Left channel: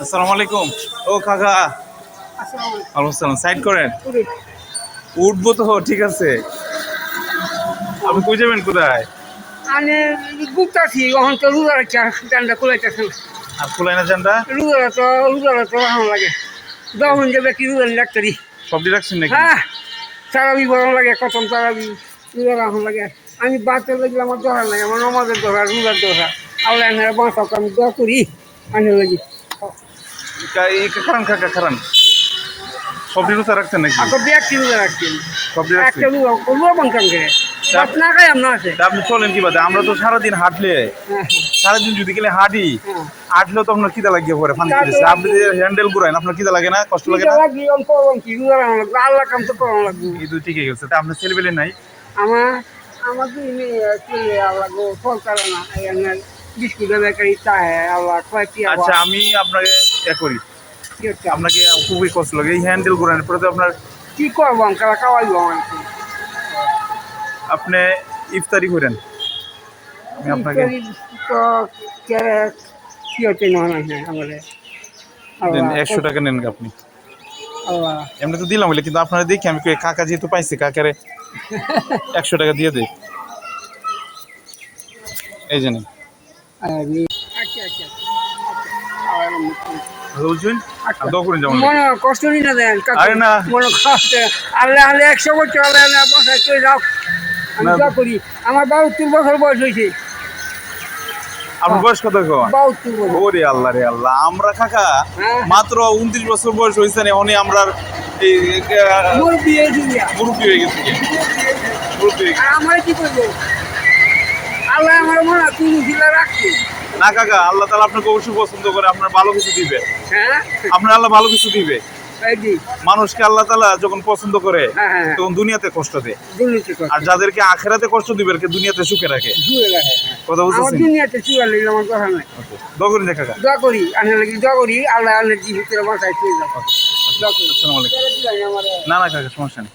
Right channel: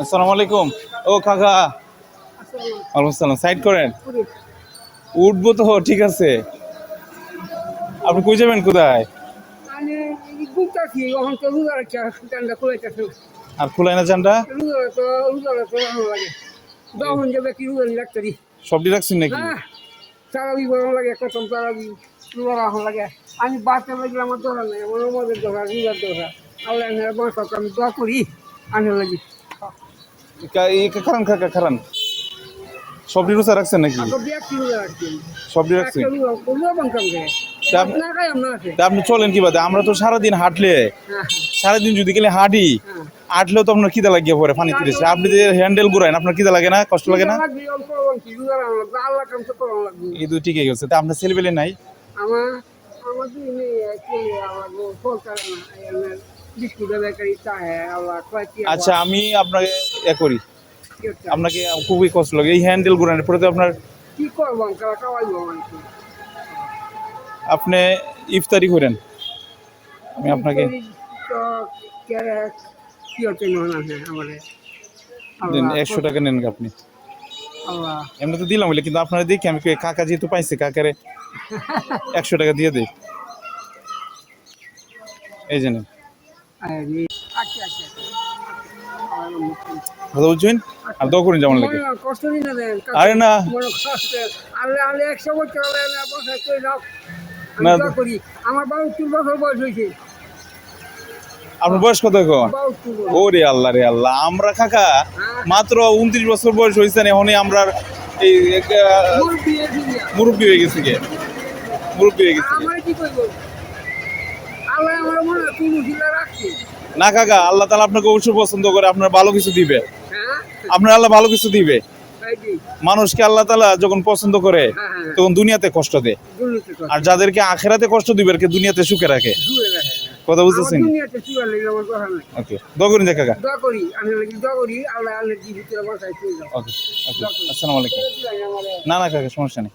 আসসালামু আলাইকুম। ও কাকা, ওয়ালাইকুম সালাম। সাইড করেন। উঠবো তো, ঠিক আছে। আপনি কই যাবেন, কোথায়? আমি গুপ্তাছি ওখান তো রুদার চানটা কুলাইতেছে না। আর খুলাই না চানটা? রুদারা তো ভালো লাগে যখন যাবে কি রুদার ডাক্তারি। সবটি রাখছেন নাকি? হ্যাঁ, তারাবি ভালো লাগে, কখন তারাবি রুদার ভালো লাগে। আমি বাচ্চা লাগলে আমার দোকান লাগে, আমার নমাজের দোকান, রুদার দোকান। আল্লাহ এনারা বাঁচাও, আমি দোয়া করি আনে লাগি। খারান কাকা, খারান। সবটি রুচা রাখছেন নাকি? আপনার ব্যাগটি রুদা রাখছি, সবটি রাখছেন? একটা রুয়া বানতাম করে না খাই আমরা আছে। তা আপনি চলেন কি বাদে? আমরা তো সারাদিন হাঁটলে, হ্যাঁ সারাদিন যদি গেলে হাঁটি, হ্যাঁ, হাঁটলেও তো আপনার খিদা লাগিয়ে পড়ে পানি তুলেছে। আপনি যে হ্যান্ডেল ঘুরাইন, আপনার খিদা লাগে না, কষ্ট লাগে না? আল্লাহ কাম তো করা লাগবে। এই তো ঠিকই গেছে। তা আপনার ছেলেবেলে নাই? আমার আমার দুই মেয়ে চলে আল্লাহ গো সরকারে না এই বিস্কুটের বেকারি চায় আল্লাহ কয়েকটি। আচ্ছা, আমি আপনাকে করি, আপনাকে খুবই কষ্ট লাগে এই হ্যান্ডেল ঘুরানোর পরে। তো আপনার কি করবো আঙ্কালা খাওয়াইবো আমাকে। আপনি ইফতারি করেন, আমি আপনাকে তো কি হচ্ছে না আমাদের দেন। আল্লাহ 100 টাকা নেন আপনি। আল্লাহ এমনি তো দিলাম বলে, কিন্তু আপনারা দেখি আমি কই কাকা যেহেতু পাইছে, কাকারে 100 টাকা দিয়ে দিই। এই যে নেন। আচ্ছা আচ্ছা কথা বলছেন আর দোয়া করেন যেমন লাগে। মনে কষ্ট নি না দেন আরে না, মনে কষ্ট আল্লাহ আল্লাহ 100 বছর আল্লাহ আল্লাহ বাসায় চলে যাও। আমি না। দোয়া করি আমার 72 বছর বয়স হয়েছে। আপনার বয়স কত এখন? 72 বছর। ওরে আল্লাহ রে আল্লাহ, আমরা কাকা হ্যাঁ। মাত্র 29 বছর বয়স হয়েছে, এখনই আমরা এই মুরব্বি এই দুনিয়া। মুরব্বী হয়ে গেছি। মুরব্বী হয়ে গেছি আর আমার কি করবো আল্লাহ আমার মনে হয় তুমি জিলা রাখছি। না কাকা, আল্লাহ তাআলা আপনাকে অবশ্যই পছন্দ করে, আপনার ভালো কিছু দিবে। হ্যাঁ আপনার আল্লাহ ভালো কিছু দিবে। এই যে, মানুষকে আল্লাহ তাআলা যখন পছন্দ করে হ্যাঁ হ্যাঁ তখন দুনিয়াতে কষ্ট দেয়, দুর্নীতি করে আর যাদেরকে আখেরাতে কষ্ট দিবে আর কি দুনিয়াতে সুখে রাখে। জুয়ে রাখে। কথা আমার বুঝতেছেন? দুনিয়াতে চুয়া নিলে আমার কথা নাই। ওকে, দোয়া করেন যে কাকা। দোয়া করি আনে লাগি দোয়া করি আল্লাহ আল্লাহ জীবিতের বাসায় চলে যাও। ওকে, আসসালামু আলাইকুম। আমার না না কাকা, সমস্যা নেই।